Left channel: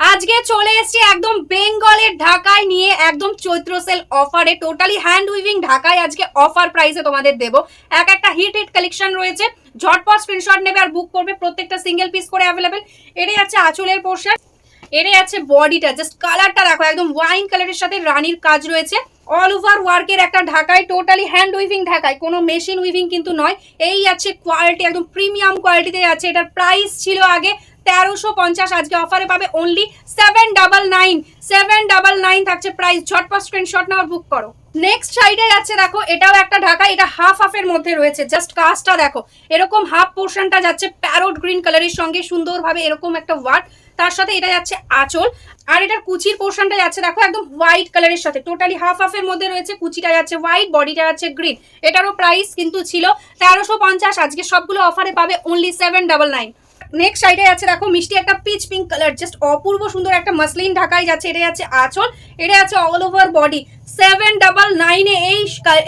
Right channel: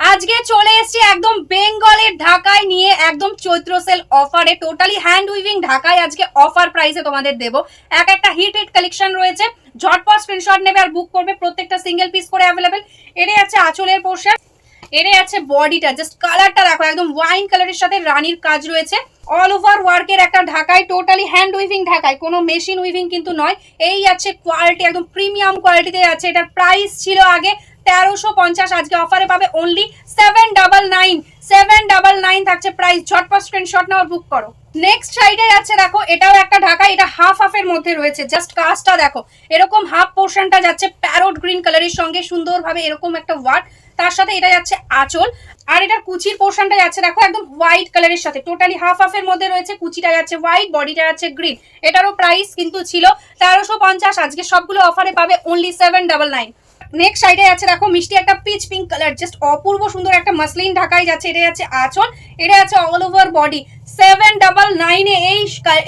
আজকে চলে এসেছি একদম বেঙ্গলের ঢাকায় নিয়ে একদম চৈত্র সেল অফারে টোটালি হ্যান্ড উইভিং ঢাকায় আজকে অফার প্রাইসে তোমাদের দেবো। একটা হিট হিট কালেকশন রয়েছে, ঝটপট স্ক্রিনশট নেবে আর বুক করবে, প্রত্যেকটা সিঙ্গেল পিস করে অ্যাভেলেবেল। এটাই আছে আঁচলের পোর্শন, এটাই আছে বডিটা, জাস্ট কালারটা দেখো একদম ওয়াইন কালারের সাথে রানীর কাজ রয়েছে। অল ওভার ওয়ার্কের একটা ঢাকায়, টোটালি হ্যান্ড উইভিং ঢাকায়, কোনো মেশিন উইভিং কিন্তু নয়। এই আছে কোয়ালিটি, একদম প্রিমিয়াম কোয়ালিটিতে আছে। এটার প্রাইস ছিল আগে 1350, আজকে অফারে পাবে অনলি 799। 799 থাকছে প্রাইস। ঝটপট স্ক্রিনশট নাও আর বুক করো। নেক্সট সাইডে যাচ্ছে দেখো, এটাও একটা ঢাকা, এটা হাফ হাফের মধ্যে রয়েছে। জাস্ট কাজটা দেখো, এরকম হাফ পোর্শনটা যাচ্ছে প্যারোট গ্রিন কালারের সঙ্গে সুন্দরভাবে এরকম একটা ওয়ার্ক, তার সাথে এটা যাচ্ছে আঁচল, আর এটার কুচির পোর্শনটা যাচ্ছে দেখো একদম হোয়াইট কালারের সাথে। টোটালি হাফ হাফের মধ্যে রয়েছে, কুচিটা যাচ্ছে হোয়াইট, বডিটা যাচ্ছে গ্রিন। এটারও প্রাইস কিন্তু ছিল 1350, আজকে সবগুলো অফারে পাবে অনলি 799। নেক্সট সাইডে আছে দেখো মিষ্টি একটা পিচ পিঙ্ক কালার, জাস্ট অপূর্ব সুন্দর একটা মাসলিন ঢাকায় যাচ্ছে। এটা যাচ্ছে আঁচল, এটা যাচ্ছে অল ওভার বডি। 799 এ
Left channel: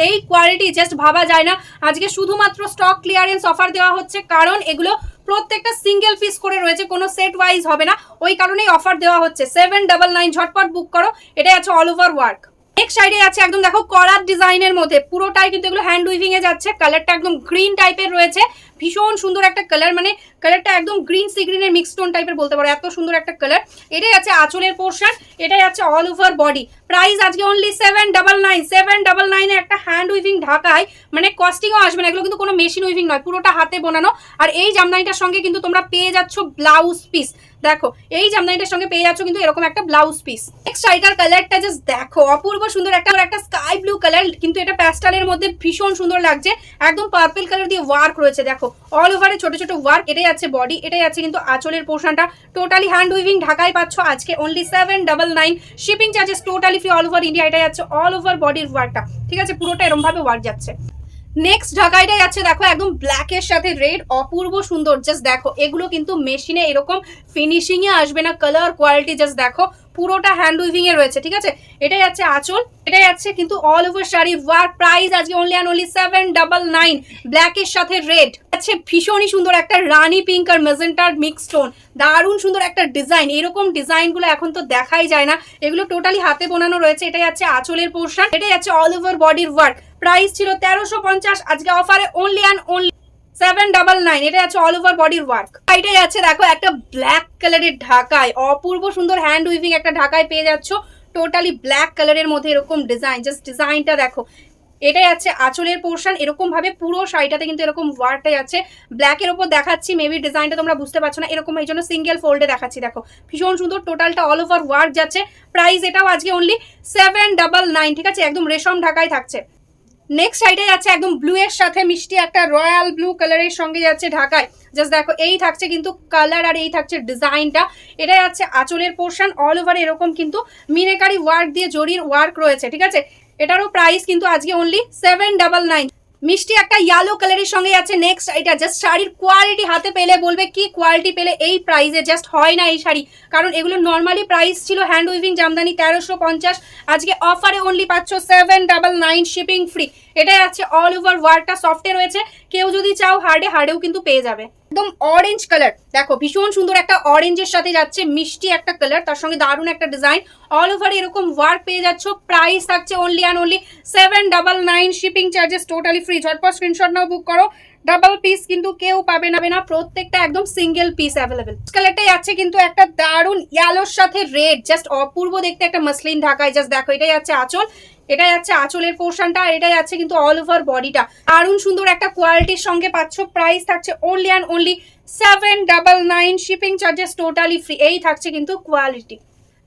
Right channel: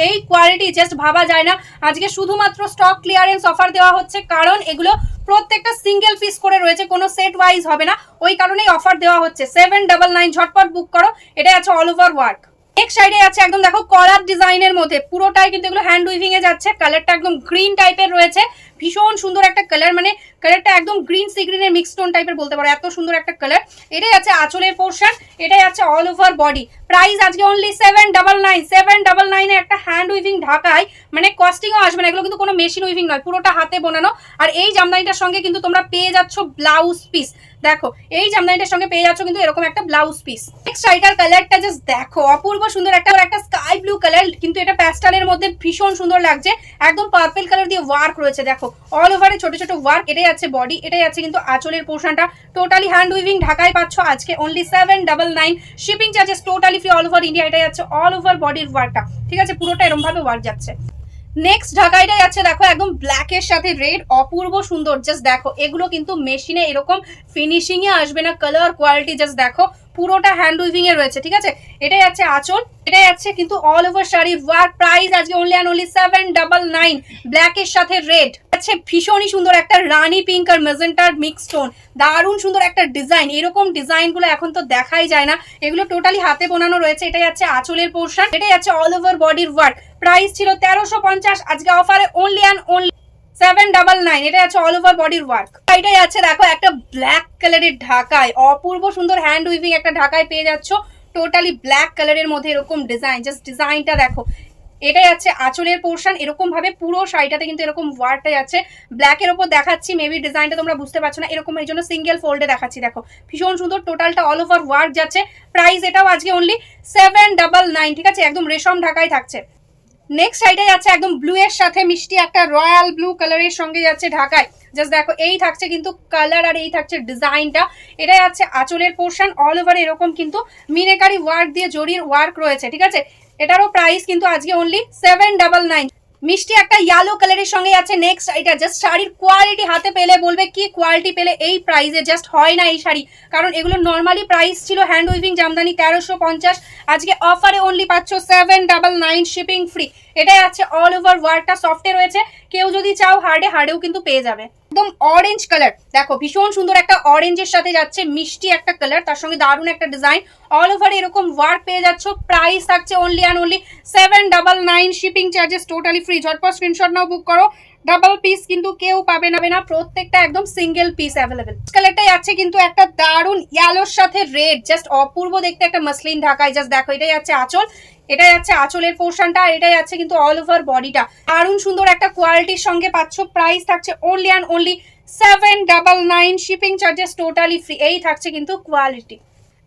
এই কোয়ালিটি জাস্ট ভাবা যায় না। আজকে শুধুমাত্র স্টক ক্লিয়ারেন্স অফার দেওয়া হচ্ছে, কারণ এগুলো প্রত্যেকটা সিঙ্গেল পিস করে রয়েছে, কোনো সেট ওয়াইজ হবে না, ওই কারণেই অফার দেওয়া হচ্ছে। 799, ঝটপট বুক করো। এটা আছে অল ওভার ওয়ার্ক। নেক্সট সাইডে আছে একদম দেখো কলার ডিজাইনের মধ্যে, পুরোটাই কিন্তু এগুলো হ্যান্ড উইভিং এ যাচ্ছে। কালারটা একদম গ্রিন টাইপের রয়েছে, ভীষণ সুন্দর একটা কালার, মানে কালারটা একদম গ্রিন সি গ্রিনের মিক্স টোন টাইপের বলতে পারো, এত সুন্দর একটা কালার। এটাই আছে আঁচলের পোর্শন, এটাই আছে অল ওভার বডি। প্রাইস আজকে অনলি 799। 799 এ একটা হ্যান্ড উইভিং ঢাকায়, মানে কস্টিংও আসবে না, এগুলো কিন্তু কোনো মেশিন উইভিং নয়, পুরোটা হাতে বোনানো। আর এই জামদানিটার সঙ্গে কিন্তু তোমরা পেয়ে যাচ্ছ ব্লাউজ পিস। দেখো এই জামদানিটার সঙ্গে পেয়ে যাচ্ছ কিন্তু এরকম একটা ব্লাউজ পিস। নেক্সট শাড়িটার কালারটা জাস্ট দেখো, অপূর্ব সুন্দর একটা স্কাই ব্লু কালার, কিন্তু এটা প্যাস্টেলের মধ্যে ভীষণ সুন্দর লাগছে। একদম পার্পল কালার দিয়ে ওয়ার্ক রয়েছে, দেখো অল ওভারে ছোট ছোট ওয়ার্ক। এটাই আছে বডি, এটাই আছে কিন্তু আঁচলের পোর্শনটা। টোটালি হ্যান্ড উইভিং ঢাকায় পাচ্ছ আজকে only 799। Shipping charges totally free all over India. এটাই আছে অল ওভার বডির ওয়ার্কটা, ঠিক আছে, পুরোটা এরকম ভাবে ওয়ার্ক যাচ্ছে। নেক্সট ঢাকাইটাই আছে দেখো একদম ব্ল্যাকের সাথে রেড, অপূর্ব সুন্দর। জাস্ট দেখো এগুলো কিন্তু মেশিনে এরকম ফিনিশিং এ আসবে না, কালার কোয়ালিটি জাস্ট দেখো, পুরোটা হ্যান্ড উইভিং এ রয়েছে, ঠিক আছে। এটাই আছে আঁচল, এটাই আছে কিন্তু all over sari work. Price আজকে অনলি অ্যান্ড অনলি 799। ব্ল্যাকের সাথে রেড আছে, ভীষণই সুন্দর একটা রানী পিঙ্ক আর মেজেন্টার মিক্স টোন, দারুণ সুন্দর একটা ডিজাইন। এরকম ডিজাইন গুলো এখন তো দেখাই যায় না, এগুলো টোটালি হাতে বোনানো রয়েছে। এটাই আছে আঁচলের পোর্শন, এটাই আছে অল ওভার বডির ওয়ার্ক। প্রাইস ছিল 1350, আজকে অফারে অনলি অ্যান্ড অনলি 799। এটা আছে অল ওভার বডির ওয়ার্ক। এটাই আছে দেখো একটা ব্ল্যাক কালারের ঢাকায়, অপূর্ব সুন্দর হ্যান্ড উইভিং একটা ঢাকায় পেয়ে যাচ্ছ। টোটালি ব্ল্যাক কালারের মধ্যে এরকম ডিজাইন, জাস্ট ডিজাইনটা দেখো। এটাই আছে আঁচলের পোর্শন, এরকম ভাবে পুরো শাড়িটাতে কিন্তু এরকম ওয়ার্কটাই আছে। ব্ল্যাকের ওপর দেখাচ্ছি, মেবি ডিজাইনটা তোমরা বুঝতে পারছো না, এরকম এই জন্য সিঙ্গেল ফোল্ডে দেখাচ্ছি। দেখো ভীষণ সুন্দর, টোটালটা অল ওভার ওয়ার্ক যাচ্ছে। প্রাইস এটাও আজকে অনলি 799, ঠিক আছে, একদম রেশম ঢাকায় থাকছে। নেক্সট সাইডে যাচ্ছে একদম ব্লু এর সাথে মিষ্টি একটা রয়্যাল ব্লু কালারের সঙ্গে যাচ্ছে ঢাকায়। জাস্ট দেখো এই থাকছে কিন্তু কালার, আর এই থাকছে ডিজাইনটা। এটা যাচ্ছে আঁচলের পোর্শন, অল ওভার এরকম কিন্তু মিনেকারি ওয়ার্ক দিয়ে জরির ওয়ার্ক রয়েছে, ঠিক আছে। এটারও প্রাইস কিন্তু আজকে অনলি 799। মিষ্টি একটা ইয়েলো কালারের সঙ্গে আছে নেক্সট। এটা জাস্ট শাড়ির কোয়ালিটি হাতে পেলে বলবে কি কোয়ালিটি পেলে, এই প্রাইসে জাস্ট হয় না এই শাড়ি, কারণ এগুলো নর্মালি প্রাইস ছিল হ্যান্ড উইভিং জামদানি 1350, আজকে অফারে অনলি পাচ্ছ 799, শিপিং ফ্রি। এটা আছে অল ওভার ওয়ার্কটা সফটে রয়েছে, কেউ যদি চাও হার্ডেও কিন্তু পেয়ে যাবে। একদম অরেঞ্জ কালার, দেখো ভীষণ সুন্দর একটা অরেঞ্জের সাথে যাচ্ছে মিষ্টি একটা কালার, তার সঙ্গে দারুণ একটা ডিজাইন, অল ওভার এরকম ওয়ার্ক পেয়ে যাচ্ছ। প্রাইস থাকছে only and only 799, shipping charges totally free. ঝটপট স্ক্রিনশট নাও, বুক করো। ডাবল পিস কিন্তু কেউ পাবে না, প্রত্যেকটা একদম সিঙ্গেল পিস অ্যাভেলেবেল। কালারটাই আছে কিন্তু একটা দারুণ ইয়েলোর সাথে রেড, জাস্ট অপূর্ব দেখতে একটা মাসলিন ঢাকায়। জাস্ট দেখো এটাই আছে আঁচল, এটাই আছে আঁচলের পোর্শনটা, আর এটাই আছে কিন্তু অল ওভার বডিটা। দারুণ সুন্দর একটা কোয়ালিটির সঙ্গে পাচ্ছ। প্রাইস থাকছে only and only 799, shipping charges totally free. এই থাকছে কিন্তু কোয়ালিটি।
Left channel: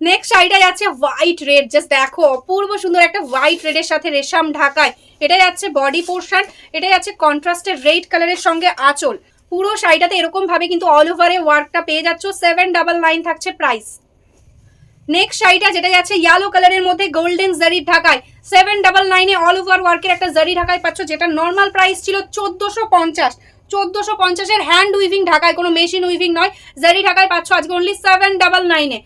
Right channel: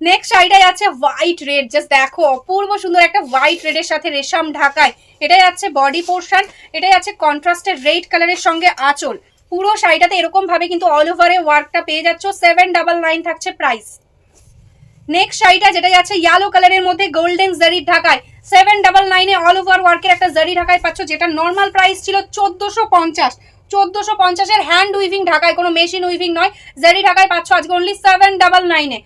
নেক্সট শাড়িটাই আছে হোয়াইট রেড, জাস্ট দেখো অপূর্ব সুন্দর একটা হোয়াইট রেডের সাথে রেশম ঢাকায়। এটাই আছে বডি পোর্শন, এটাই আছে কন্ট্রাস্টেড রেড কালারের সঙ্গে আঁচল। পুরো শাড়িটাতে এরকম ভাবে কিন্তু অল ওভারে ওয়ার্কটা পেয়ে যাচ্ছ। 799 থাকছে প্রাইস। নেক্সট শাড়িটা যেটা যাচ্ছে ইয়েলো কালারের মধ্যে গোল্ডেন জারির ঢাকায়, 799 অল ওভার ওয়ার্কের একটা জারি ঢাকায় পাচ্ছ, যেটা নর্মাল প্রাইস ছিল 1450। 1450 এর হ্যান্ড উইভিং ঢাকায়, কোনো মেশিন উইভিং নয়, জারি ঢাকায় পাচ্ছ আজকে অনলি 799 এ।